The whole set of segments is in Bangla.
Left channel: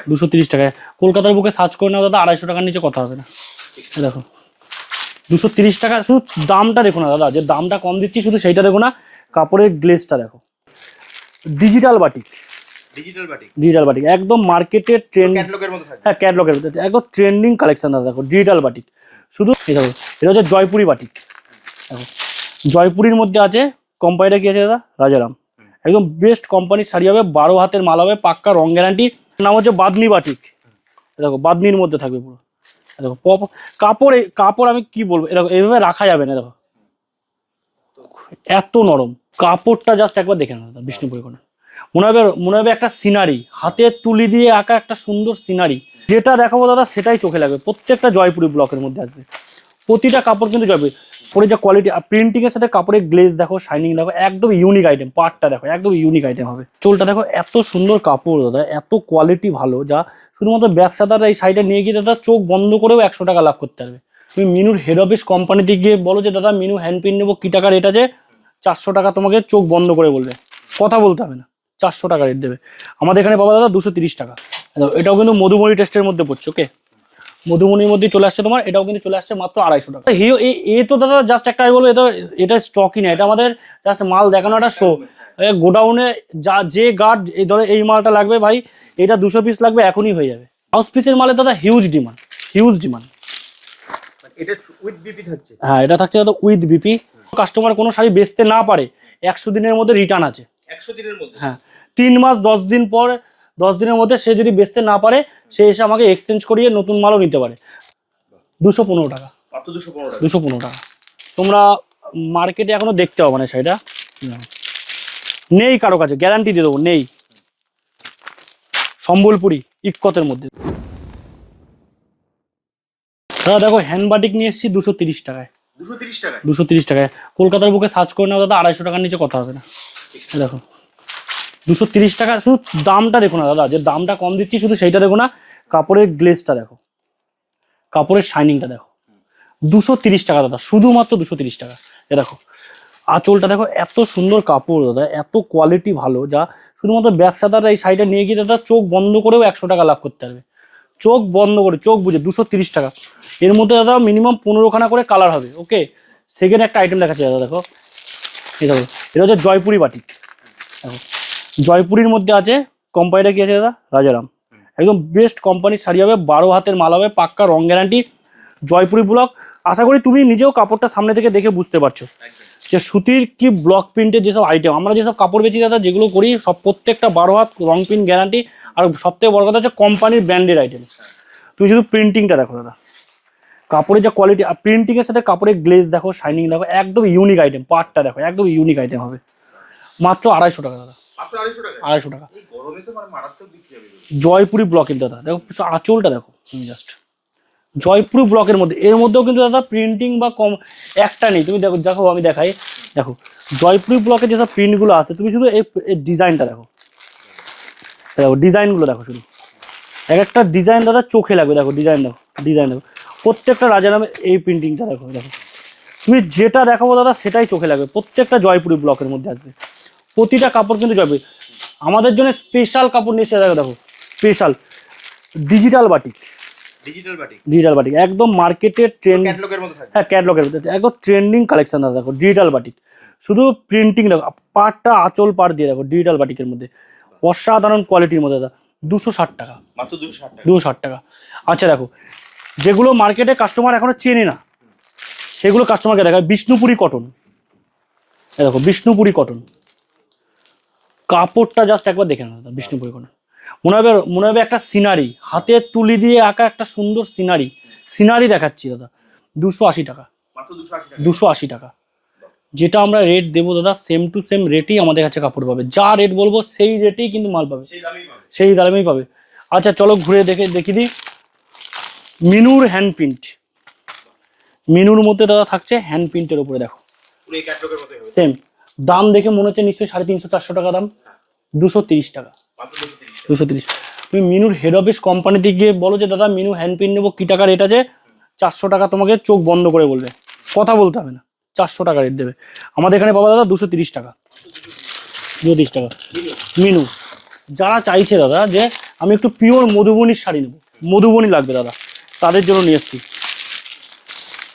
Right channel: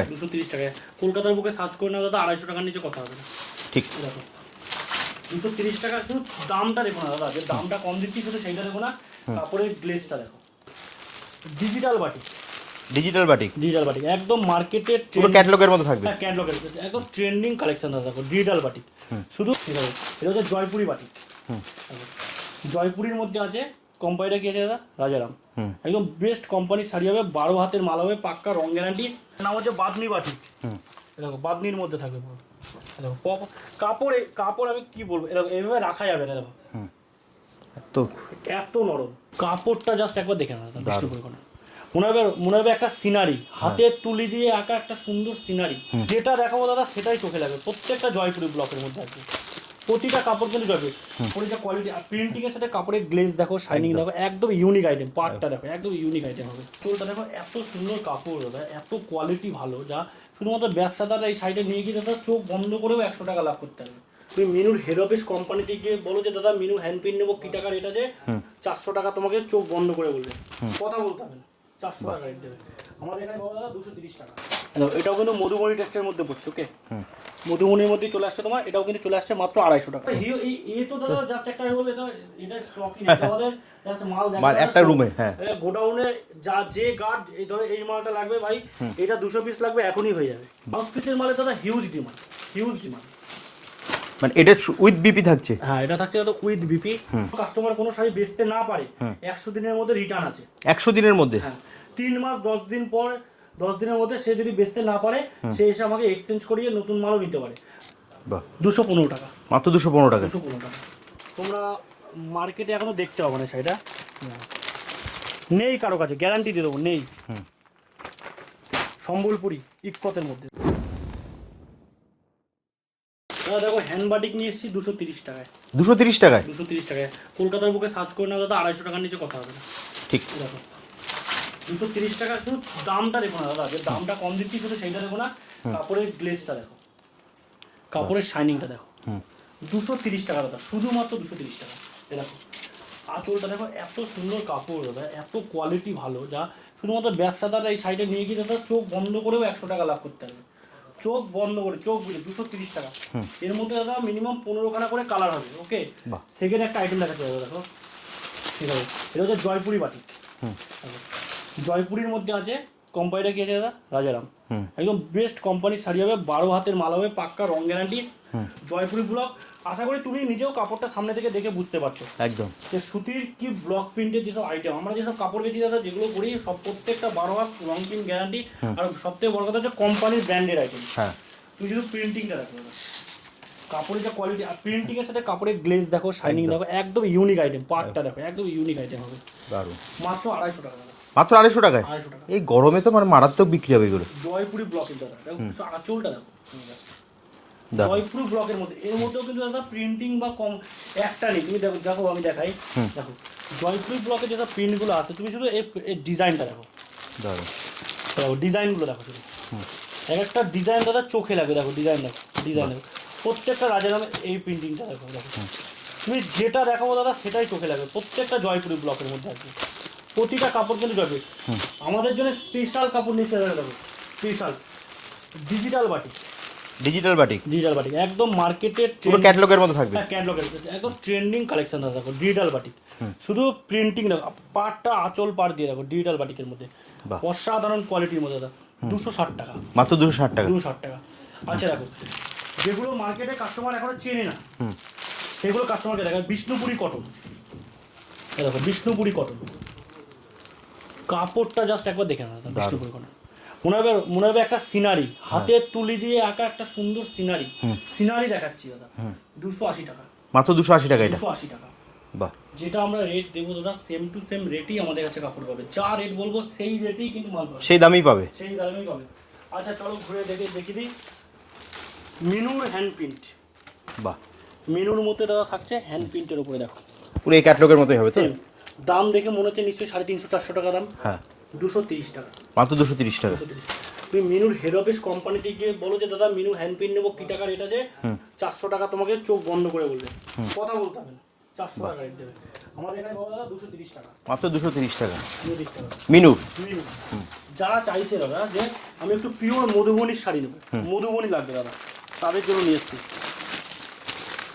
টাকায় 230 টাকায় কলকাতার বুকে সার্চ করে নাও দাদা, 250 টাকার নিচে কথা হবে না। ঠিক দেখো 230 টাকা, শুধু দামটা দেখো না দাদা, যে দামটা কম দিচ্ছি শুধু সেইটা দেখো না, কাপড়ের গ্লেজটা দেখো। Digital batik, digital batik, digital batik একদম মার্কেটের ট্রেন্ড, ক্যাটালগের মতো থাকবে। হ্যাঁ ক্যাটলগের মধ্যে একদম ট্রেন্ডিং কালেকশন দাদা। দেখো ডিজিটাল বাটিক, শুধু এটা হচ্ছে জয়পুরি বাটিক। দেখো জয়পুরির মধ্যে আছে, কোম্পানিটা কি আছে দাদা? রাজারাম। একদম বেস্ট কোম্পানির শাড়ি হবে, 12 হাতের মাল হবে, পাক্কা রং গ্যারান্টি। নাম হচ্ছে বাদনি বাটিক। দেখো বাদনির মধ্যে থাকবে পুরো। দেখো কাপড়, কাপড় আমি কি বলবো, এরকম এইভাবে রাখা যাবে না। দেখো তো এত নরম কাপড়টা, জাস্ট একবার দেখে নেন দাদা। বিষ্ণুপুরি কটন মনে হবে একটা সিনারি, হাতে তুলি দিয়ে আঁকা একটা সুন্দর সিনারি। যেটা দেখাবো দাদা সেটাই চোখে লাগবে। প্রত্যেকটা জয়পুরি ব্লকের মধ্যে আসবে, প্রতিটা কাপড় কিন্তু যাবে পরে, যে কোয়ালিটি প্রিন্টিং এর সাথে কাপড়ের গ্লেজ দেখো, শাইনিং দেখো, একদম ইউনিক আইটেম। পার্টটা দেখো একদম ইউনিক আইটেম হবে। চোলটা দেখো এত সুন্দর কাপড় দাদা, এত কোয়ালিটি ভালো, যা শুধুমাত্র ব্যবসাদাররা এই সাইডে নিয়ে গিয়ে দাদা চোখ বন্ধ করেও 100 টাকা লাভ করতে পারবে। তুমি মিনুর হেড অফিস কোম্পানিতে গিয়ে বলো যে দাদা মিনু হ্যান্ড প্রিন্ট নেবো, কি টাকা রেট আছে? 400 টাকা তোমাকে চোখ বন্ধ করে বলবে, কথা বলতে হবে না, 400 টাকা রেট দেবে। আমাদের এখানে পাবা দাদা 230 টাকা। এটাও কিন্তু মধুমণি টেস্টের মধ্যে পড়ছে। ওকে, মধুমণির মধ্যে চলে আসছে তোমার, এটাও কিন্তু চলে আসছে মাত্র 250 টাকা। এ তো দাদা জাস্ট একটা আমি বলবো, এটা স্টকই না, এটা আমাদের জাস্ট মাল দেখানো একটা শো। গোডাউনে যে গার্ড এই ধরে এই মালটা লাগবে ভাই, এটা 200 পিস লাগবে, এখনই হয়ে যাবে। হাউস পিসের মালে দাদা হিউজ ডিমান্ড, হিউজ ডিমান্ড। মানে এটা উইথ বিপি থাকছে? হ্যাঁ এটা থাকছে দাদা উইথ বিপি। কাস্টমার কোনো শাড়ি বেচতে না পারে, 100 দিনের মধ্যে রিটার্ন আছে। 100 দিনের মধ্যে? হ্যাঁ 3 মাস 10 দিন পর, 10 দিনের মধ্যে সে যদি বেচতে না পারে, সে এসে আমাকে এক্সচেঞ্জ করিয়ে নতুন মালও নিতে পারে। 215 টাকা, মাত্র 215 টাকা। 215 টাকা। তোমরা মার্কেটে এখনো দেখতে পাবে না শাড়িটা, নেই কারো কাছে, গ্যারান্টি দিয়ে দেবো নেই। সম্বলপুরি ইক্কতের মধ্যে দাদা দেখো হ্যান্ড বাটিক নিয়ে এসেছি 230 টাকায়। 230 টাকায়? 230 টাকায় কলকাতার বুকে সার্চ করে নাও দাদা, 250 টাকার নিচে কথা হবে না। ঠিক। দেখো 230 টাকা, শুধু দামটা দেখো না দাদা, যে দামটা কম দিচ্ছি শুধু সেইটা দেখো না, কাপড়ের গ্লেজটা দেখো, কাপড়ের শাইনিংটা দেখো। 230 টাকা দাদা, শুধুমাত্র 230 টাকা। এ দেখো আঁচলটা দেখো, এত সুন্দর কাপড় দাদা, এত কোয়ালিটি ভালো, যা শুধুমাত্র ব্যবসাদাররা এই সাইডে নিয়ে গিয়ে দাদা চোখ বন্ধ করেও 100 টাকা লাভ করতে পারবে। চোখ বন্ধ করে, চোখ বুঝে 230 টাকা। এর মধ্যে দাদা মিনিমাম 15খানা করে কালার হবে। ওকে, সেকেন্ড একটা আইটেম দেখাচ্ছি দাদা। দেখো এটা হচ্ছে জয়পুরি বাটিক। জয়পুরির মধ্যে আছে, কোম্পানিটা কি আছে দাদা? রাজারাম। একদম বেস্ট কোম্পানির শাড়ি হবে, 12 হাতের মাল হবে, পাক্কা রং গ্যারান্টি। জয়পুরি ব্লক, আশা করি তুমি নিজেও কাপড়টা সামনে থেকে দেখে বুঝতে পারছো একদম যে সুতির কি ব্লক প্রিন্টের যেসব আইটেম আমরা যেসব কাপড় বেচি দাদা, যেগুলো করি সব প্রত্যেকটা 12 হাত রং প্রিন্ট গ্যারান্টি। আর সবথেকে বড় কথা হচ্ছে কোম্পানির ব্র্যান্ডের আইটেম। তুমি শুধু প্রিন্টিংটা দেখো দাদা, কাপড়ের যে কোয়ালিটি, আর প্রিন্টিং এর সাথে কাপড়ের গ্লেজ দেখো, শাইনিং দেখো, একদম ইউনিক আইটেম। পার্টটা দেখো একদম ইউনিক আইটেম হবে, মাত্র 250 টাকা দাদা। মাত্র 250 টাকায়? 250 টাকা। এই গরমে তো মানে মারাত্মক বিক্রি হবে এগুলো। জয়পুরি ব্লকের দাদা দেখো, আঁচলটা দেখো জাস্ট, জয়পুরি ব্লকের মধ্যে। এর মধ্যেও কিন্তু দাদা প্রিন্টিং বা কম একটা নেই। তুমি দেখো, দেখো আমি দেখাই, দেখো জয়পুরি ব্লকের যেসব প্রিন্টগুলো আছে, তুমি শুধু এই ডিজাইনটা দেখো, দেখো ডিজাইনগুলো দেখো, শুধু এক একটা ডিজাইন দাদা চোখে লাগবে। দেখো ডিজাইন দেখো, ডিজাইন দেখো, প্রত্যেকটা রাজারামের এই প্রিন্টিংটা দেখো। দেখো তুমি যেটা দেখাবো দাদা সেটাই চোখে লাগবে। প্রত্যেকটা জয়পুরি ব্লকের মধ্যে আসবে, প্রতিটা কাপড় কিন্তু যাবে। আমাদের জন্য স্পেশাল কাপড় নিয়ে এসে দেখো, দেখো special digital batik. Digital batik, digital batik একদম মার্কেটের ট্রেন্ড, ক্যাটালগের মতো থাকবে। হ্যাঁ ক্যাটলগের মধ্যে একদম ট্রেন্ডিং কালেকশন দাদা। দেখো ডিজিটাল বাটিক, শুধু প্রিন্টিং দেখো, পাটটা আঁচল পাড় দিয়ে দেখো, ডিজিটাল বাটিকের মধ্যে অসাধারণ কোয়ালিটির মধ্যে দাদা। 260 টাকা, মাত্র 260 টাকা। 260 টাকা। আচ্ছা দেখো, যেগুলো মার্কেটে কাস্টমার এখনো চেনে না, সেগুলো কাস্টমারকে দেখায়। বিষ্ণুপুরি কটন, দেখো বিষ্ণুপুরি কটন, কাপড়টা জাস্ট একবার দেখে নেন দাদা। বিষ্ণুপুরি কটন মনে হবে একটা সিনারি, হাতে তুলি দিয়ে আঁকা একটা সুন্দর সিনারি। সিনারি দেখাচ্ছি দাদা, 280 টাকা। মাত্র 280 টাকা? 280 টাকা। যেটা আমরা রেট দেবো দাদা, সেম টু সেম রেটেই আমাদের কাছে কাপড় পাবে। যা রেট বলবো সেই রেটেই কিন্তু মাল পাবে, সেই দামেই পাবে, সেই দামেই পাবে। আচ্ছা চলো ঘুরে দেখি দিই মিনুর হ্যান্ড প্রিন্ট। বাহ, মিনুর মধ্যে দাদা থাকছে হ্যান্ড প্রিন্টের উপরে। দেখো পুরো এই ক্যাটালগের মতোই হবে। সেম দাম দেখে মনে হচ্ছে নিশ্চয়ই 350-400 টাকা দাম। হ্যাঁ 230 টাকা, মাত্র 230 টাকা। 230। তুমি মিনুর হেড অফিস কোম্পানিতে গিয়ে বলো যে দাদা মিনু হ্যান্ড প্রিন্ট নেবো, কি টাকা রেট আছে? 400 টাকা তোমাকে চোখ বন্ধ করে বলবে, কথা বলতে হবে না, 400 টাকা রেট দেবে। আমাদের এখানে পাবা দাদা 230 টাকা, মাত্র 230 টাকা। 230 টাকা। মিনু, মিনু যারা চাইছে দাদা যে আমি একটু পিওর মধুবনির শাড়ি নেবো, মধুবনি লাগবে দাদা, তাদের জন্য নিয়ে এসেছি।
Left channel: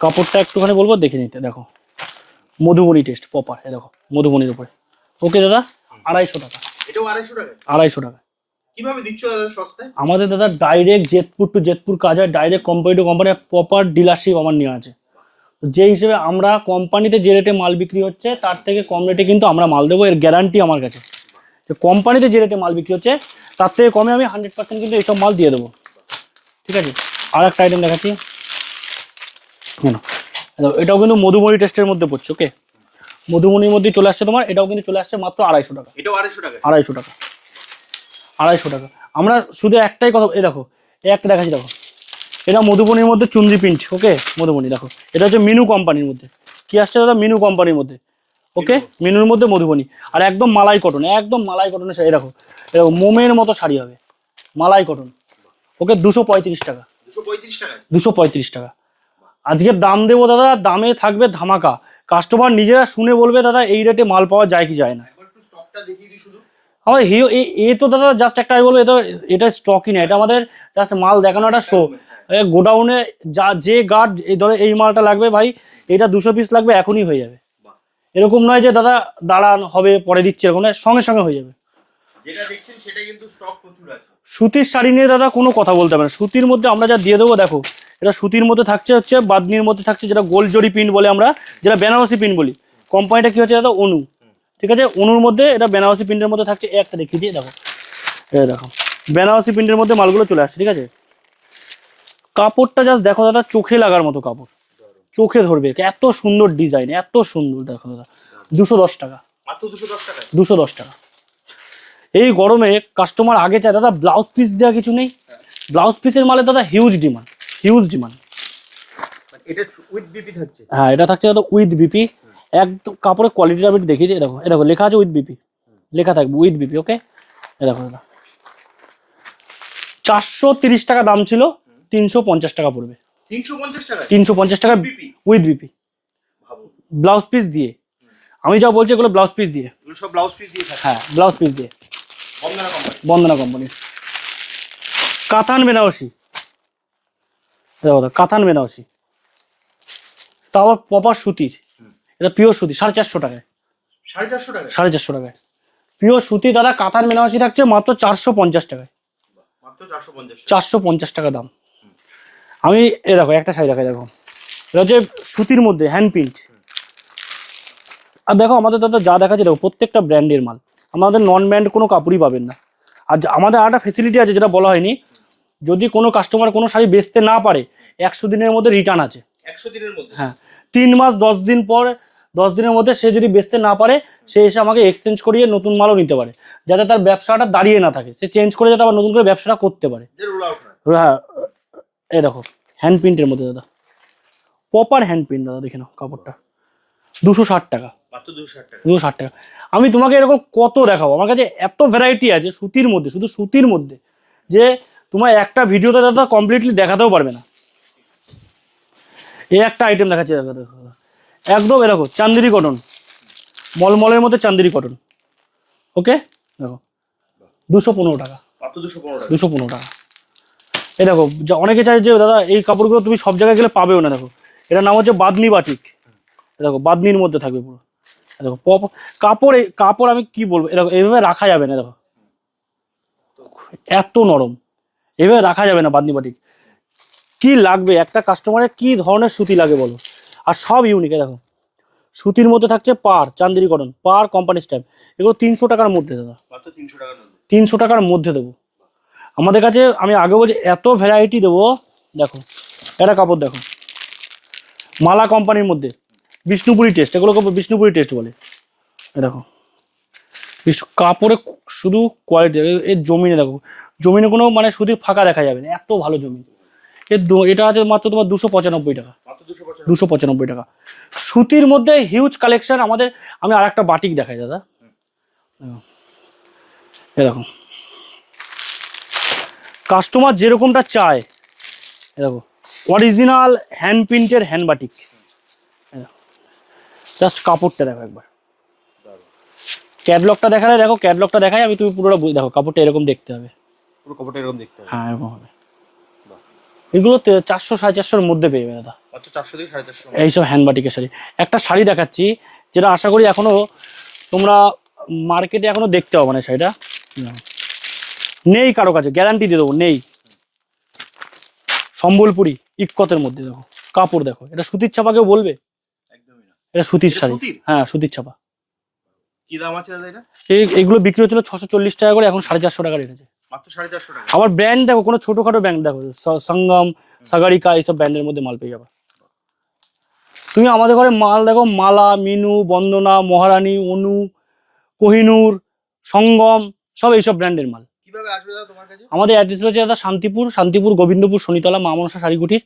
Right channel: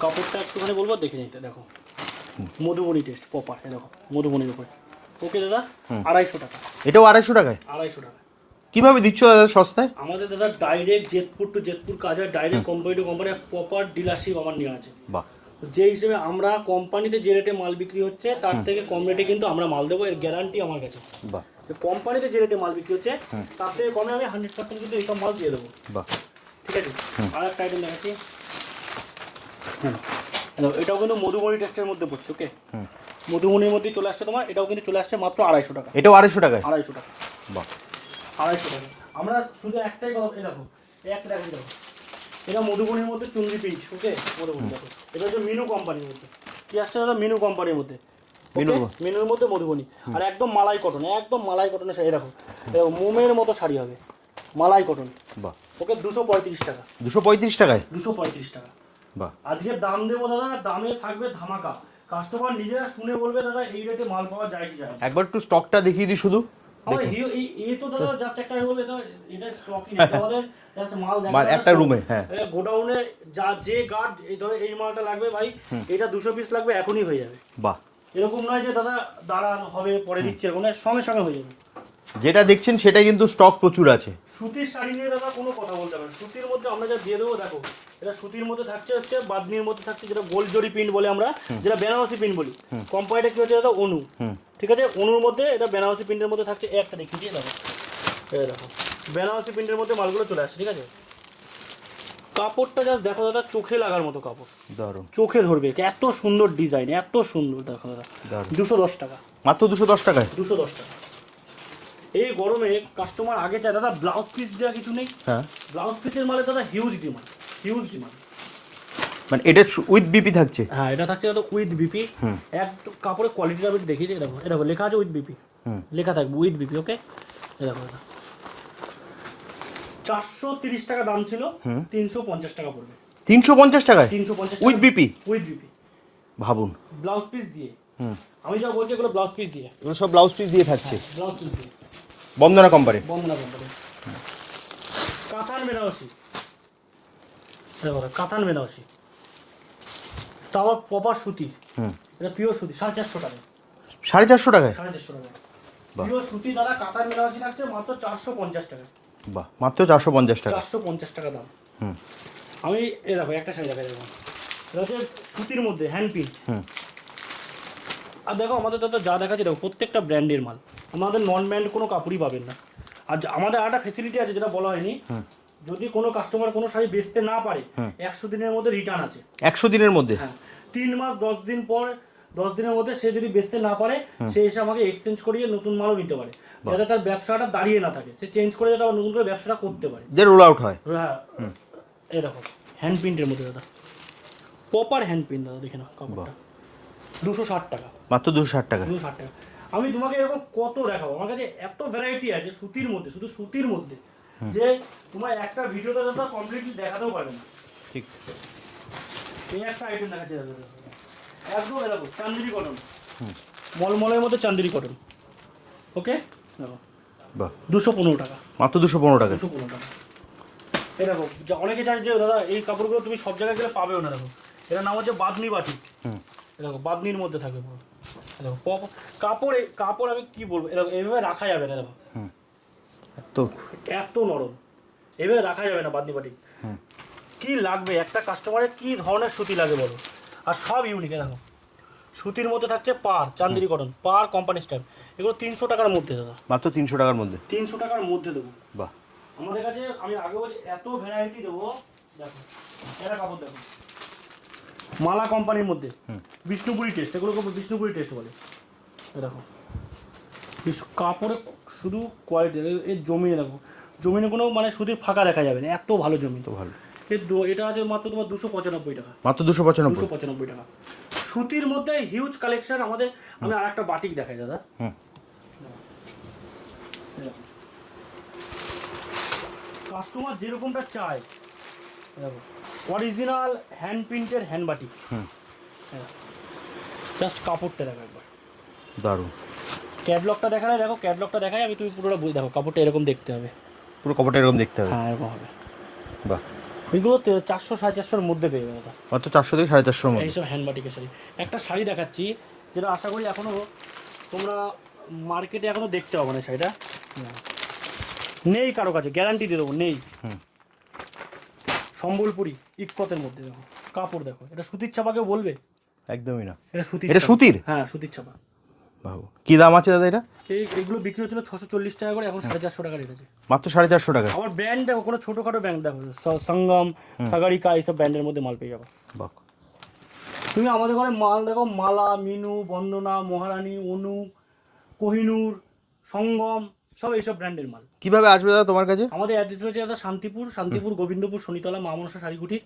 কাপড়টা একটুখানি বলবো দেখে নিতে, দেখো মধুবনি টেস্ট প্রপার, দেখো মধুবনির উপরে। ওকে দাদা, 250 টাকা। এটাও 250 টাকায়? 250 টাকা। কিভাবে দিচ্ছ দাদা সস্তায়? আমাদের দাদা ডাইরেক্ট জেতপুর টু জেতপুর কাজ হয়, direct company to company, proper dealership আমার নেওয়া আছে। বাহ। যে হিসেবে আমরা কোম্পানিতে যে রেটে মাল বিক্রি হচ্ছে তার থেকে কম রেটে কিন্তু আমরা মাল দেবো, এর গ্যারান্টি আমার কাছে। বাহ। কোম্পানিতে যে রেটে মাল বিক্রি হচ্ছে তার থেকে কমে আমি 100% কিন্তু এইসব মাল দিয়ে দেবো। বাহ। ঠিক আছে, আর একটা আইটেম দেখাচ্ছি। হ্যাঁ, এটাও কিন্তু মধুবনি টেস্টের মধ্যে পড়ছে। ওকে, মধুবনির মধ্যে চলে আসছে তোমার, এটাও কিন্তু চলে আসছে মাত্র 250 টাকা। এটাও 250 টাকায়? 250 টাকা। বাহ, 250 টাকা। আমরা শুধু একটাই কথা, এই দেখো এই একটা দেখাচ্ছি, দেখো এটা মধুবনির মধ্যে চুন্দি প্রিন্ট। ওকে, মধুবনি দেখো, এটা হচ্ছে মিনু কোম্পানির মধ্যে। কি আসছে দাদা? মিনু কোম্পানির মধ্যে। ওকে, মিনুর মধ্যে মধুবনি, আর একদম মালাই কটন, একদম মালাই কটনের শাড়ি। দেখো এরকম মোমের মতো শাড়ি হবে, মালাই কটন। বাহ। ওকে, 235 টাকা। 235 টাকায়? 235 টাকা। বাহ। আজকে দাম দেবো দাদা, দামে থাকবে ধামাকা। কাস্টমার নিজেরা শুনে বলবে দাদা এই রেটে মাল পাওয়া যায় কি যায় না। একবার একটু স্টকটা দেখিয়ে দিই শুধু। আবার এ তো দাদা জাস্ট একটা বলবো, এটা স্টকই না, এটা আমাদের জাস্ট মাল দেখানো একটা শো। গোডাউনে যা যে গার্ড এই ধরে এই মালটা লাগবে ভাই, এটা 200 পিস লাগবে, এখনই হয়ে যাবে। বাহ। এরকম নয় যে দাদা দাঁড়ান হবে পরে দিচ্ছি, এরকম নয়, সঙ্গে সঙ্গে হয়ে যাবে। যেটা দেখছেন সেটা কিন্তু স্টক প্রচুর আছে। সুতির শাড়ি নিয়ে দাদা কোনো কথা বলতে হবে না। সুতির মধ্যে আমরা যা দিয়ে দেবো, দেখো এটা সুতির মধ্যে থাকছে, হচ্ছে বাদনির মধ্যে থাকছে যেটা গোল জরি প্রিন্ট বলে আমরা, যেটা বেনারসি প্রিন্ট বলি। কোম্পানিটা কি হচ্ছে দাদা? অনু। ঠিক আছে, অনুর মধ্যে এটা বেনারসি প্রিন্টের মধ্যে থাকছে। একটা দেখিয়ে দিয়ে দেখো, এই দেখো বেনারসি প্রিন্টের মধ্যে মালগুলো চলে আসছে। ঠিক আছে, কাপড়টা জাস্ট দেখো দাদা, চোখে লাগার মতো কাপড়, চোখে ধরবে, এত সুন্দর ডিজাইন, এত সুন্দর। দেখো দাদা, 210 টাকা মাত্র। 210 টাকায়? 210 টাকা। এই গরমে কাস্টমার আগে চায় দাদা ব্লাউজ পিস দেওয়া কিছু নেই। হ্যাঁ, ব্লাউজ পিসের মালে দাদা হিউজ ডিমান্ড, হিউজ ডিমান্ড। মানে এটা উইথ বিপি থাকছে? হ্যাঁ, এটা থাকছে দাদা উইথ বিপি। একদম কাপড়ের কোয়ালিটিটা আমি দেখিয়ে দিই। দেখো দেখো লেখা আছে উইথ বিপি, লেখা থাকবে উইথ বিপি। ওকে, দেখো দাদা 430 টাকা দাম ছিল, 350 টাকা পড়বে। 350 টাকায়? 350 টাকা বিপি? উইথ বিপি, ভাবুন। ব্লাউজ পিস দিয়ে। আমি যা বলছি এগুলো ব্লাউজ পিস দিয়ে, এগুলো সব ব্লাউজ পিস দিয়ে থাকছে? হ্যাঁ, ব্লাউজ পিস দিয়ে। বন্দনা কোম্পানি? বন্দনা কোম্পানি। কাতান বেনারসি, দেখো কাতান বেনারসি, তাও প্রপার সুতির। এটা পিওর সুতি, 450 টাকায়। 450 টাকায়? 450 টাকায় পিওর সুতি দাদা। কাতান বেনারসি থাকছে মাত্র 450 টাকায়। বাহ, মাত্র 450 টাকা? 450 টাকা দাম। আমি এ দেখো একটা শাড়ি দেখাই, দেখো এটা হচ্ছে সুতির মধ্যে হ্যান্ড প্রিন্ট। আর দেখো আমাদের দাদা যা দেখাচ্ছে, দেখো প্রত্যেকটা ব্র্যান্ডের মাল, আমাদের নন ব্র্যান্ড কোনো কাপড়ই পাবেন না। আর আমাদের আর একটা ফেসিলিটি আছে যেটা বলা হয়নি, যদি কোনো কাস্টমার কোনো শাড়ি বেচতে না পারে, 100 দিনের মধ্যে রিটার্ন আছে। 100 দিনের মধ্যে? হ্যাঁ, 3 মাস 10 দিন পর, 10 দিনের মধ্যে সে যদি বেচতে না পারে, সে এসে আমাকে এক্সচেঞ্জ করিয়ে নতুন মালও নিতে পারে, যাতে তার ব্যবসাটা দাঁড়িয়ে না থাকে, সে চেঞ্জ করে যাতে আবার নতুন করে ব্যবসাটা করতে পারে, যে রোল আউট হয়। হ্যাঁ, এই দেখো হ্যান্ড প্রিন্টের মধ্যে দাদা, প্রপার হ্যান্ড প্রিন্ট দাদা, দেখে নাও কাপড়টা। 260 টাকা মাত্র? 260 টাকা? 260 টাকা। আমি তোমাকে এরকম কত দেখাবো, আমার কাছে এত ভ্যারাইটি আছে সুতির মধ্যে, শুধু সুতির মধ্যে, যে তোমার একটা ভিডিওতে দাদা কমপ্লিটলি দেখাতেও পারবে না। ঠিক। এই একটা আইটেম দেখাচ্ছি দাদা, একদম এরকম চান্দেরি কটন, মলমলের মধ্যে চান্দেরি কটন। ওকে, দেখো 215 টাকা। মাত্র 215 টাকা? 215 টাকা। এই দেখো, অনেকে চাই যে দাদা এই কাপড়গুলো তুমি সব জায়গায় গেলে পাবেও না। দেখো এটার নাম হচ্ছে বাদনি বাটিক। দেখো বাদনির মধ্যে থাকবে পুরো। দেখো কাপড়, কাপড় আমি কি বলবো, এরকম এইভাবে রাখা যাবে না। দেখো এত নরম, এইভাবে রাখা যাবে না বাদনি বাটিক। কি লাগবে একটা কাস্টমারের, কি ধরনের সুতি লাগে বলো, আর সব ইউনিক। দেখো সুতির মধ্যে থাকছে পার, চান্দেরি কটন, পার কোম্পানি স্টাইল। এগুলো 300 টাকার মধ্যে দাদা, মাত্র 300 টাকার মধ্যে? 300 টাকার মধ্যে দেবো। বাহ। আমাদের কাছে আমি আগে বলছি এত ভ্যারাইটি দেবো। দেখো এটা কাপড়, দেখো মালা কোম্পানির মধ্যে বিষ্ণুপুরি টেস্ট, এগুলোকে বিষ্ণুপুরি টেস্ট বলে। দেখো কাপড়ে শুধু কোয়ালিটি, এর জমিনে দেখো, জমিনে কোনো মানে সুতির ফাঁকা দেখা যাবে না, এত ভালো জমি। তো ভালো। এটা আছে মাত্র তোমার 295 টাকা। মাত্র 295? 295 টাকা। সুতির মধ্যে হিউজ কালেকশন আমাদের। আমি আর একটা বাটিক দেখাই দাদা, এ দেখো কাস্টমার যেরকমটা চায়, দেখো অরিজিনাল হ্যান্ড প্রিন্টের হ্যান্ড বাটিক। জাস্ট কাপড়টা দেখো একবার, দারুণ। ক্যাটলগটা দেখালে দেখো, ক্যাটলগটা দেখাই আমি, তুমি পুরোটা দেখো, কাপড়টা এরকম দেখতে হবে, পুরো কাপড়টা এরকম দেখতে হবে। হ্যাঁ এরকম হবে। বাহ, এগুলো 400-450-এর মধ্যে পেয়ে যাবে দাদা, মাত্র 400 থেকে 450 এইসব হ্যান্ডবাটিকের শাড়ি। একটা শাড়ি দেখাচ্ছি যেটা আশা করি এখনো তোমরা মার্কেটে এখনো দেখতে হবে না, শাড়িটা নেই কারো কাছে, গ্যারান্টি দিয়ে দেবো নেই। সম্বলপুরি ইক্কতের মধ্যে দেখো, কাপড় দেখো, এটা সুতির ছাপা কেউ বলবে? একদমই না। এটা সুতির এটা শাড়ি। সুতির? হ্যাঁ সুতির ছাপা। বাহ, কি দাম আছে দাদা এটা? এইগুলো বিক্রি হচ্ছিল 640 টাকা করে, এখন 450 টাকা রেখেছে। মাত্র 450 টাকা। আবার ব্র্যান্ড দেখো, কোনো ছোটখাটো ব্র্যান্ড দেখো, সঙ্গম, সাগারিকা, এইসব ব্র্যান্ডের মধ্যে মাল পেয়ে যাবে। বাহ, তুমি আমাদের ঘরে মাল দেখো, মালা, মিনু, বন্দনা, মহারানী, অনু, কোহিনূর, সঙ্গম, সব এইসব ব্র্যান্ডের মাল। কিভাবে আসবে দাদা তোমার কাছে? আমাদের অ্যাড্রেস হচ্ছে দাদা শান্তিপুর গোবিন্দপুর শনিতলা মা মনসা শাড়ি কুটির।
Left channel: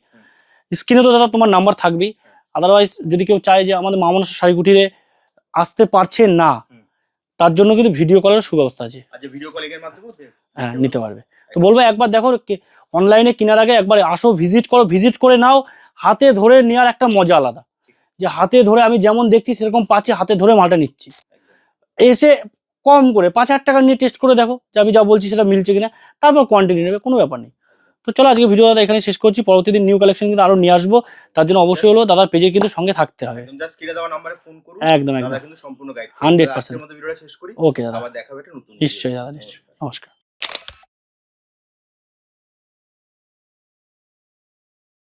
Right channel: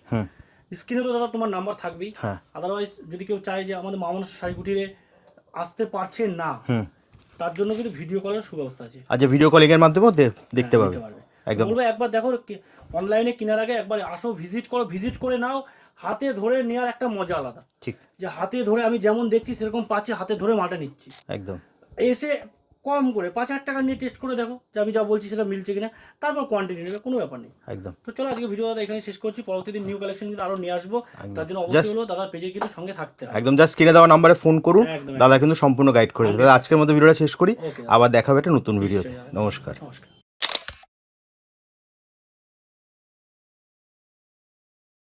স্ক্রিনে তো দাদা তোমার নাম্বার থাকবেই। আদারওয়াইজ যদি কেউ চায় যে আমাদের মা মনসা শাড়ি কুটিরে আসতে পারছে না, তার জন্য কিন্তু ভিডিও কলের সুব্যবস্থা আছে। আচ্ছা, ভিডিও কলিং এর মাধ্যমে দেখতে নিতে পারবে। বলবো একবার দেখো, অনলাইনে কেনার আগে একবার আসো, ভিজিট করো, ভিজিট করে নাও। হাতে ধরে নেওয়ার একটা মজা আলাদা, ঠিক, যে হাতে ধরে আমি যেমন দেখছি সেরকম পাচ্ছি, হাতে ধরে মালটা নিচ্ছি। একদম। এসে কম করে 5,000 টাকা নিয়ে টেস্ট করে দেখো যে আমি যা বলছি সেটা মিলছে কিনা, তারপর কোয়ান্টিটি নেবে, কোনো ব্যাপার নেই। একদম। তো চলো আজকে ভিডিও দাদা এখানে শেষ করছি, পরবর্তী দিন নিউ কালেকশন কিন্তু আরো নিয়ে আসবো, তার জন্য অবশ্যই হলো দাদার পেজে কিন্তু সঙ্গে থাকতে হবে। একদম, জাস্ট স্ক্রিনে দেওয়া নম্বরে ফোন করুন, একদম দাদা কিন্তু সম্পূর্ণ গাইড করে দেবে। আজকের মতো ভিডিওটা শেষ করি, ওকে, আবার দেখা হবে একটা নতুন ভিডিও। নিশ্চয়ই দাদা, নমস্কার। নমস্কার।